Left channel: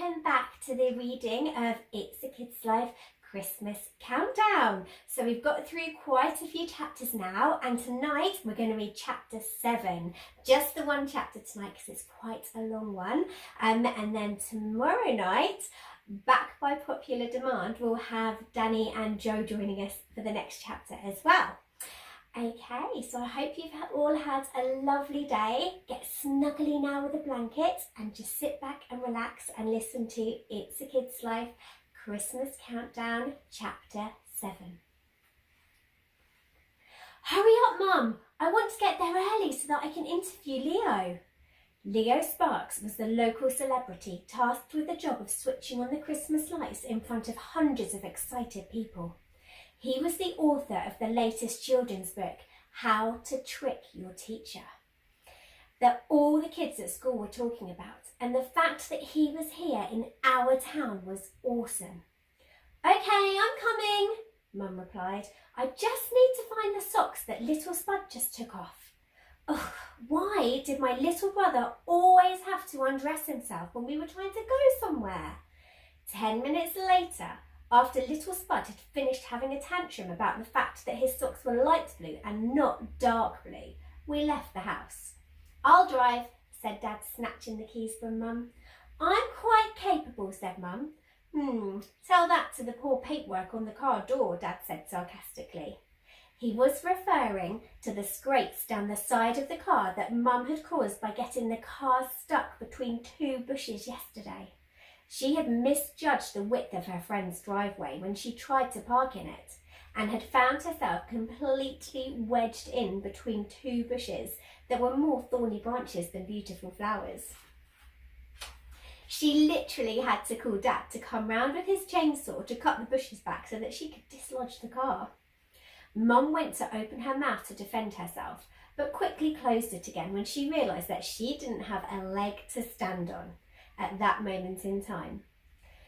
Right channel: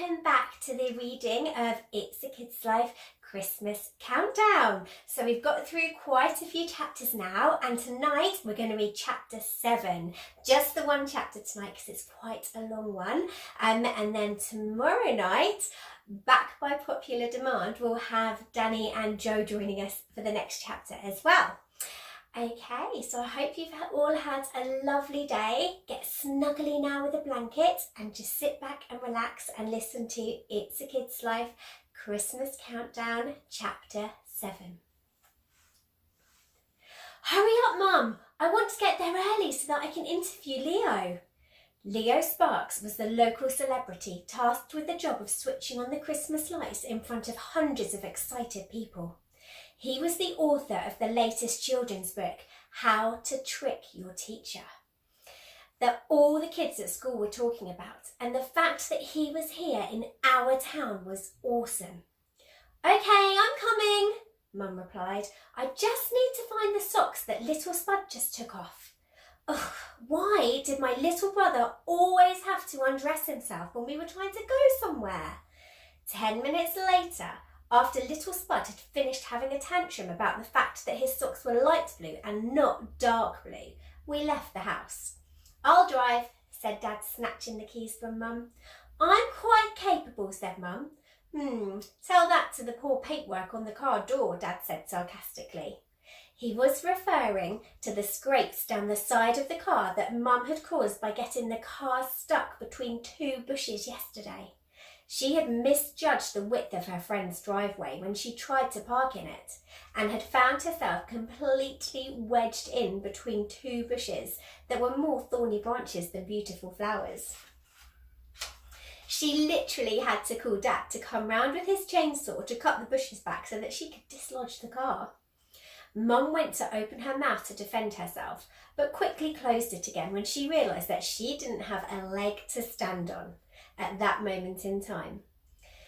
welcome back to the reading of It's a Kid's Life Christmas Countdown. So we've got through quite a few chapters now, and tonight we're going to read chapter 7. Just the one chapter tonight because it's quite a long one. And then tomorrow night, back by popular demand, we'll have Danny and Joe joining us for the next chapter as well. Okay, so I hope you've all had a lovely day. Get snuggly now with a blanket and just sit back and relax and listen to It's a Kid's Life Christmas Countdown Chapter 7. Hurry up, Mum! I want to get there early so that I can interview Leo. Leo Sparks was the local celebrity tasked with the job of switching on the Christmas lights in front of hundreds of excited people. He was the author of the latest children's book, How to Trick Your Teacher, that all the kids at school were talking about, and the fact that he was here in our town was awesome. Okay, I'm coming, Mum replied. I just need to find the socks that little Spud just took off. Ugh, why did my little brother always have to undress himself when we were trying to go somewhere? 10 minutes later, after little Spud had finished having a tantrum about the fact that his socks were light blue and not dark blue, we left the house. I'll drive, said Dad, snatching the keys from Mum. I'm quite capable, said Mum. Tell that to the poor paintwork on the car door, Dad said sarcastically. He was referring to the scrapes down the side of the car that Mum had caused by getting the car stuck between two bushes yesterday. She had misjudged the width of her friend's driveway when she tried to park in it and had found herself completely wedged in between two bushes that were more thorny branches than beautiful flowers. She literally had to call Dad to come round with his chainsaw to cut the bushes back so that she could dislodge the car. Mum went to open her mouth to defend herself, but quickly closed it again when she realised that she didn't have a leg to stand on at that moment in time.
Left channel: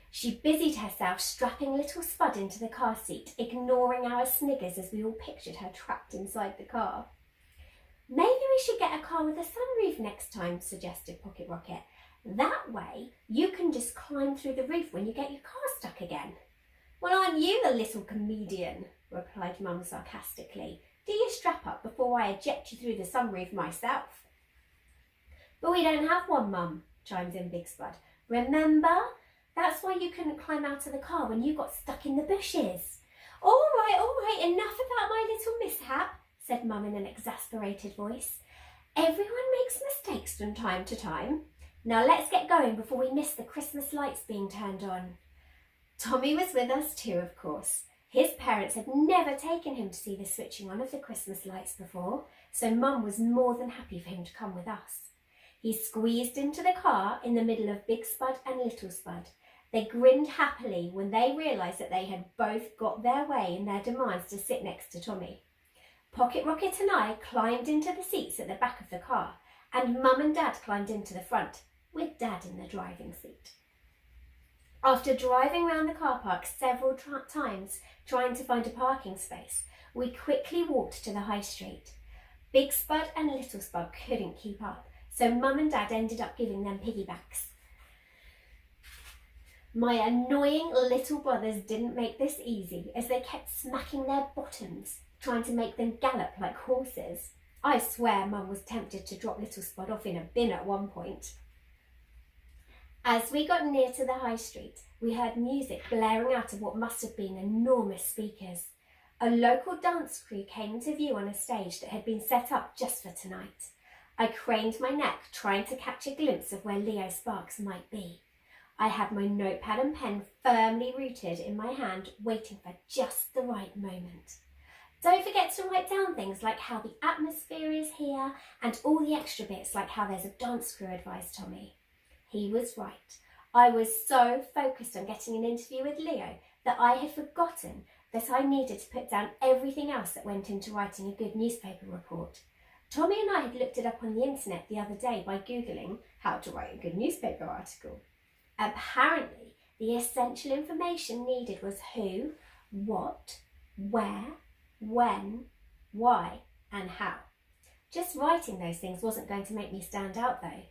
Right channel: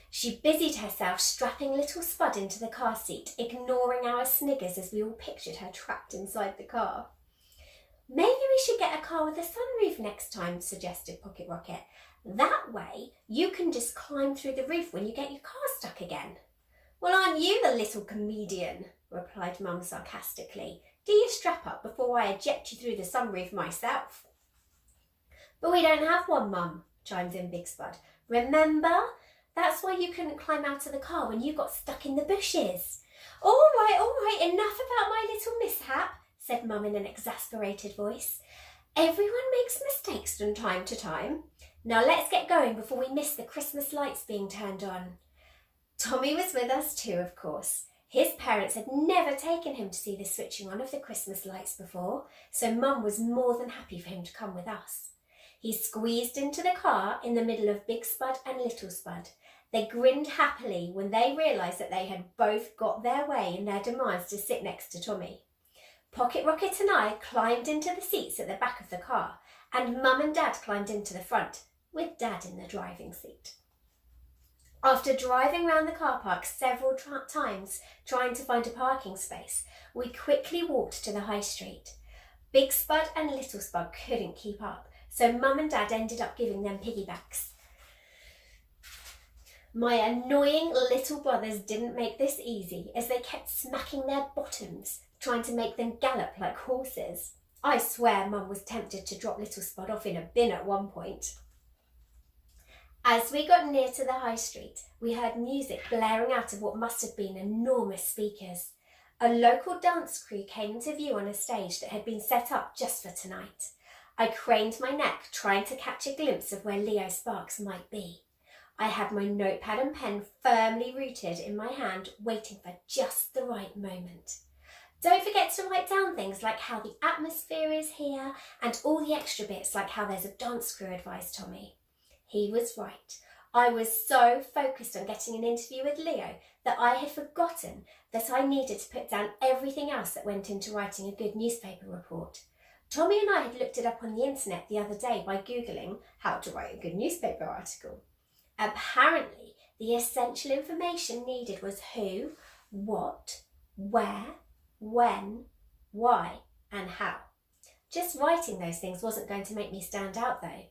She busied herself strapping little Spud into the car seat, ignoring our sniggers as we all pictured her trapped inside the car. Maybe we should get a car with a sunroof next time, suggested Pocket Rocket. That way you can just climb through the roof when you get your car stuck again. Well, aren't you the little comedian? Replied Mum sarcastically. Do you strap up before I eject you through the sunroof myself? But we don't have one, Mum, chimed in Big Spud. Remember? That's why you couldn't climb out of the car when you got stuck in the bushes. All right, enough about my little mishap, said Mum in an exasperated voice. Everyone makes mistakes from time to time. Now let's get going before we miss the Christmas lights being turned on. Tommy was with us too, of course. His parents had never taken him to see the switching on of the Christmas lights before, so Mum was more than happy for him to come with us. He squeezed into the car in the middle of Big Spud and Little Spud. They grinned happily when they realised that they had both got their way in their demands to sit next to Tommy. Pocket Rocket and I climbed into the seats at the back of the car, and Mum and Dad climbed into the front, with Dad in the driving seat. After driving round the car park several times trying to find a parking space, we quickly walked to the high street. Big Spud and Little Spud couldn't keep up, so Mum and Dad ended up giving them piggybacks. My annoying little brothers didn't make this easy as they kept smacking their bottoms, trying to make them gallop like horses. I swear Mum was tempted to drop Little Spud off in a bin at one point. As we got near to the high street, we heard music blaring out of what must have been enormous speakers. A local dance crew came into view on a stage that had been set up just for tonight. I craned my neck, trying to catch a glimpse of where Leo Sparks might be. I had my notepad and pen firmly rooted in my hand, waiting for just the right moment. Don't forget to write down things like how the atmosphere is here and all the extra bits like how there's a dance crew, advised Tommy. He was right. I was so focused on getting an interview with Leo that I had forgotten that I needed to put down everything else that went into writing a good newspaper report. Tommy and I had looked it up on the internet the other day by Googling how to write a good newspaper article. Apparently, the essential information needed was who, what, where, when, why, and how. Just writing those things wasn't going to make me stand out though.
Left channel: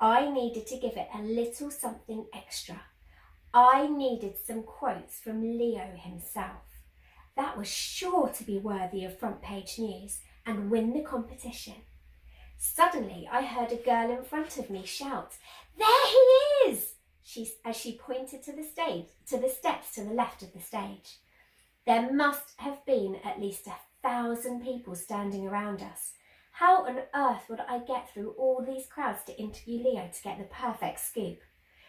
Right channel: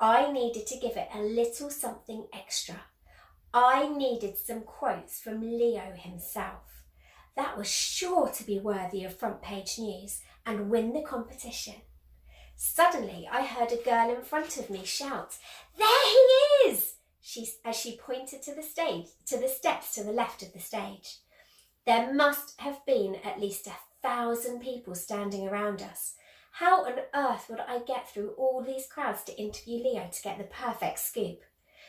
I needed to give it a little something extra. I needed some quotes from Leo himself. That was sure to be worthy of front page news and win the competition. Suddenly, I heard a girl in front of me shout, "There he is!" as she pointed to the steps to the left of the stage. There must have been at least 1,000 people standing around us. How on earth would I get through all these crowds to interview Leo to get the perfect scoop?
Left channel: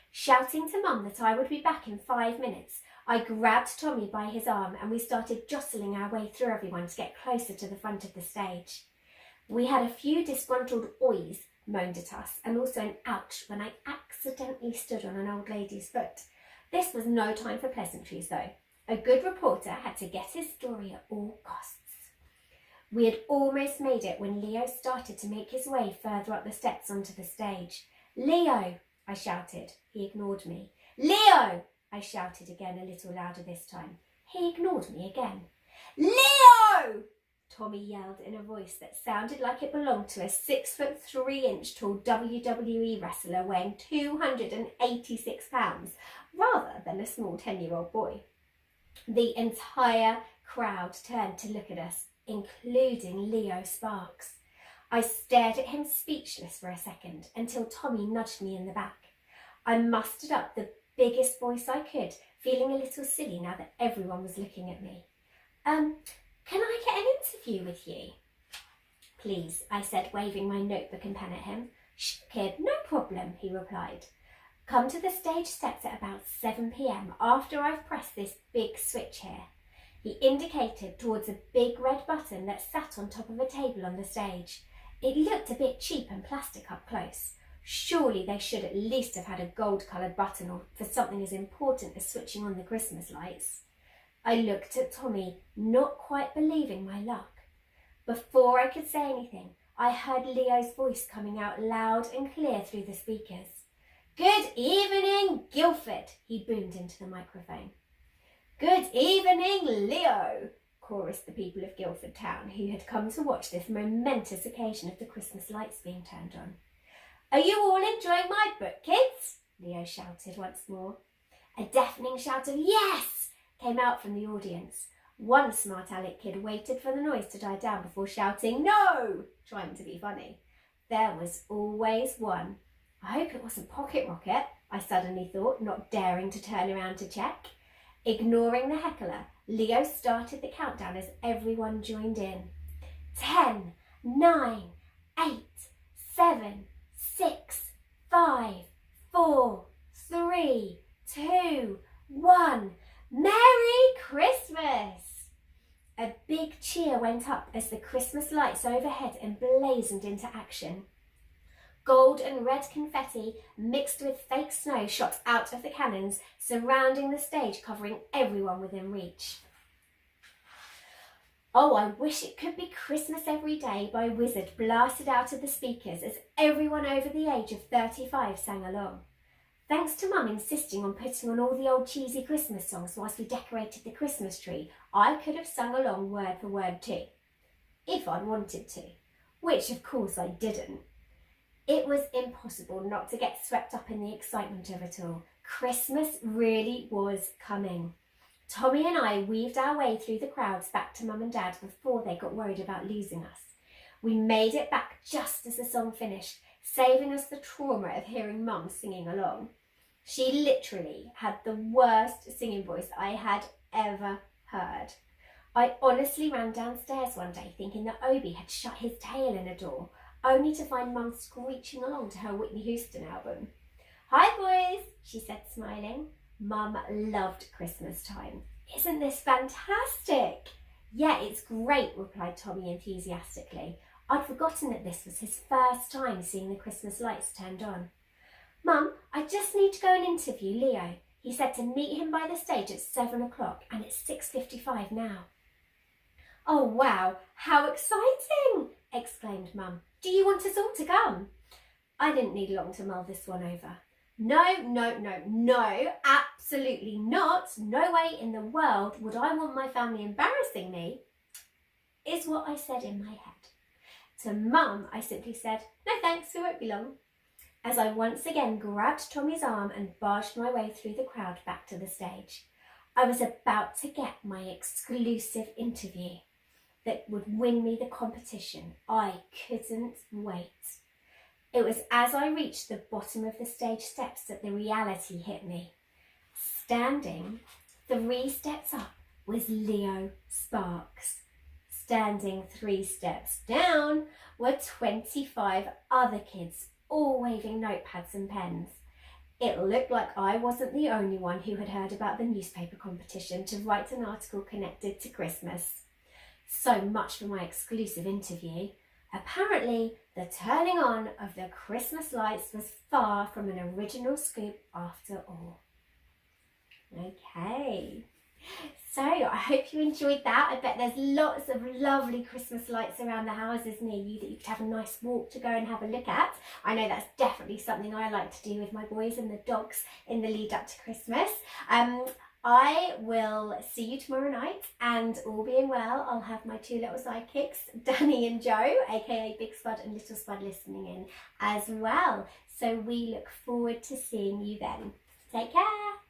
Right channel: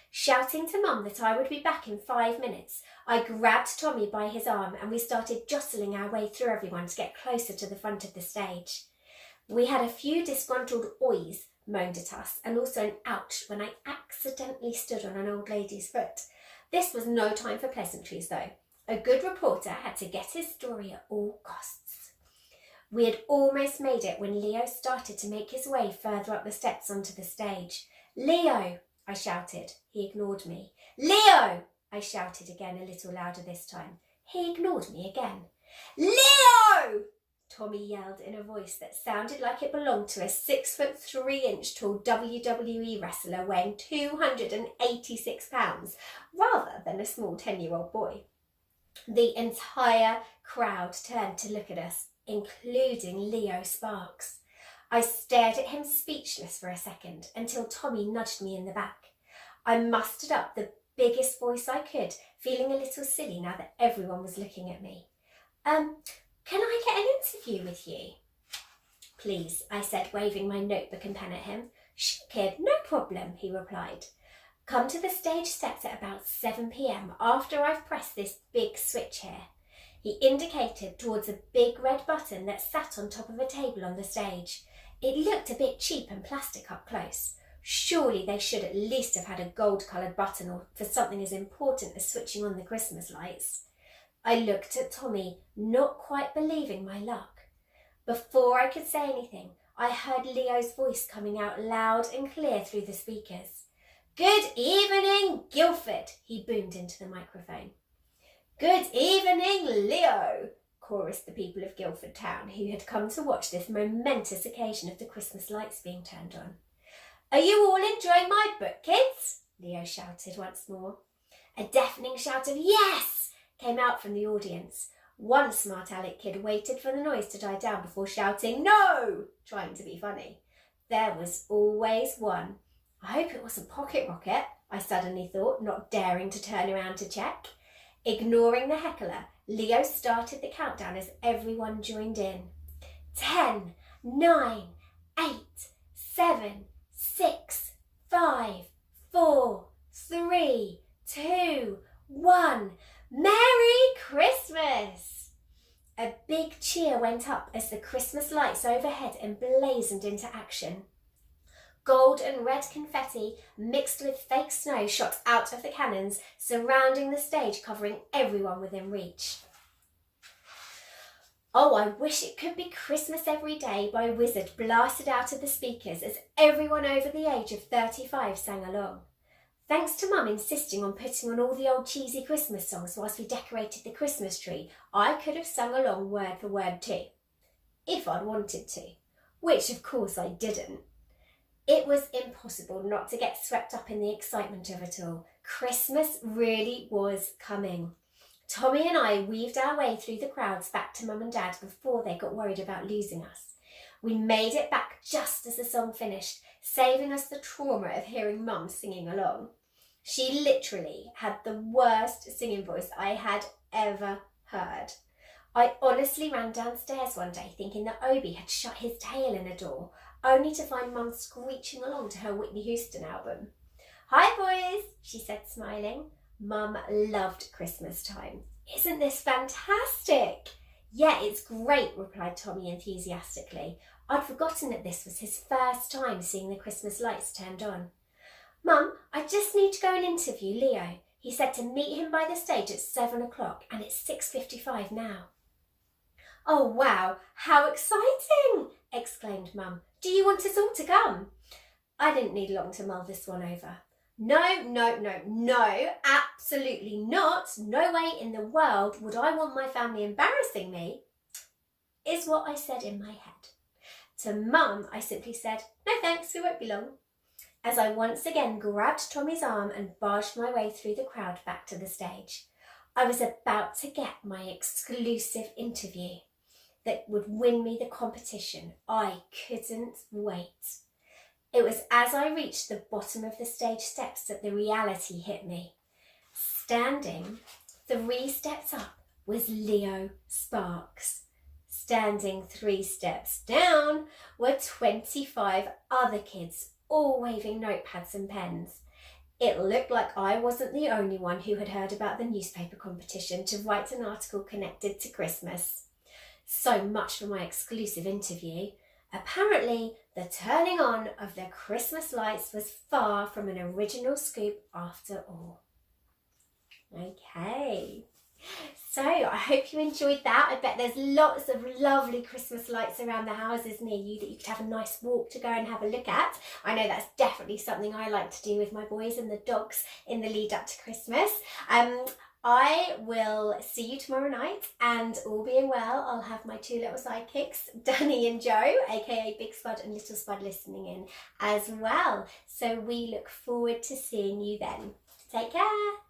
Shouting to Mum that I would be back in 5 minutes, I grabbed Tommy by his arm and we started jostling our way through everyone to get closer to the front of the stage. We had a few disgruntled oys moaned at us and also an ouch when I accidentally stood on an old lady's foot. This was no time for pleasantries though. A good reporter had to get his story at all costs. We had almost made it when Leo started to make his way further up the steps onto the stage. "Leo!" I shouted. He ignored me. "Leo!" I shouted again, a little louder this time. He ignored me again. "Leo!" Tommy yelled in a voice that sounded like it belonged to a 6'3" tall WWE wrestler weighing 286 pounds, rather than a small 10-year-old boy. The entire crowd turned to look at us, including Leo Sparks. I stared at him speechless for a second until Tommy nudged me in the back. I mustered up the biggest voice I could, feeling a little silly now that everyone was looking at me. Can I get an interview with you?" "Please," I said, waving my notebook and pen at him. "Sure, kid, no problem," he replied. "Come to the stage steps at about 7 p.m. after I've pressed this big switch here." He indicated towards a big red button that sat on top of a table on the stage. It looked a bit cheap and plastic up close. Surely they should at least have had a gold-coloured button or for something as important as switching on the Christmas lights. I looked at Tommy, not quite believing my luck. Before I could say anything, I heard Leo's voice coming out loud and clear through the speakers. "Good evening, Guildford," he boomed into the microphone. "Good evening, Leo," chorused the people of Guildford town who had come to watch this momentous occasion of the Christmas lights being turned on. "Are you all enjoying my book, kids?" Leo shouted once more. A deafening shout of "Yes!" came out from the audience. One smart aleck kid waited for the noise to die down before shouting "No!" trying to be funny. There was always one. I hope it wasn't Pocket Rocket, I suddenly thought, not daring to turn around to check. Ignoring the heckler, Leo started the countdown as everyone joined in. 10, 9, 8, 7, 6, 5, 4, 3, 2, 1. Merry Christmas! A big cheer went up as the Christmas lights overhead emblazoned into action. Gold and red confetti mixed with fake snow shot out of the cannons, surrounding the stage, covering everyone within reach. "Oh, I wish it could be Christmas every day," my wizard blasted out of the speakers as everyone over the age of 35 sang along. Thanks to Mum insisting on putting on all the old cheesy Christmas songs whilst we decorated the Christmas tree, I could have sung along word for word too, if I'd wanted to, which of course I didn't. It was impossible not to get swept up in the excitement of it all. Christmas really was coming. Tommy and I weaved our way through the crowds back to Mum and Dad before they got worried about losing us. We made it back just as the song finished, saving us the trauma of hearing Mum singing along. She literally had the worst singing voice I had ever heard. I honestly ran downstairs one day thinking that Obi had shut his tail in a door, only to find Mum screeching along to her Whitney Houston album. "Hi boys," she said, smiling. Mum loved Christmas time. "Isn't this fantastic?" "Yeah, it's great," replied Tommy enthusiastically. I'd forgotten that this was his first time seeing the Christmas lights turned on. "Mum, I just need to go and interview Leo. He said to meet him by the stage at 7 o'clock and it's 6:55 now." "Oh wow, how exciting!" exclaimed Mum. "Do you want us all to come?" I didn't need long to mull this one over. No, absolutely not. No way in the world would I want my family embarrassing me, is what I said in my head. To Mum, I simply said, "No thanks, we won't be long." as I once again grabbed Tommy's arm and barged my way through the crowd back to the stage. I was about to get my exclusive interview that would win me the competition. I couldn't wait. It was as I reached the bottom of the stage steps that the reality hit me. Standing 3 steps up was Leo Sparks. Standing 3 steps down were 25 other kids, all waving notepads and pens. It looked like I wasn't the only one who had heard about the newspaper competition to write an article connected to Christmas. So much for my exclusive interview. Apparently, the turning on of the Christmas lights was far from an original scoop after all. Okay, so I hope you enjoyed that. I bet there's lots of lovely Christmas lights around the houses near you that you could have a nice walk to go and have a look at. I know that's definitely something I like to do with my boys and the dogs in the lead up to Christmas. I will see you tomorrow night, and all being well, I'll have my 2 little sidekicks, Danny and Joe, aka Big Spud and Little Spud, listening in as well. So we look forward to seeing you then. Take care.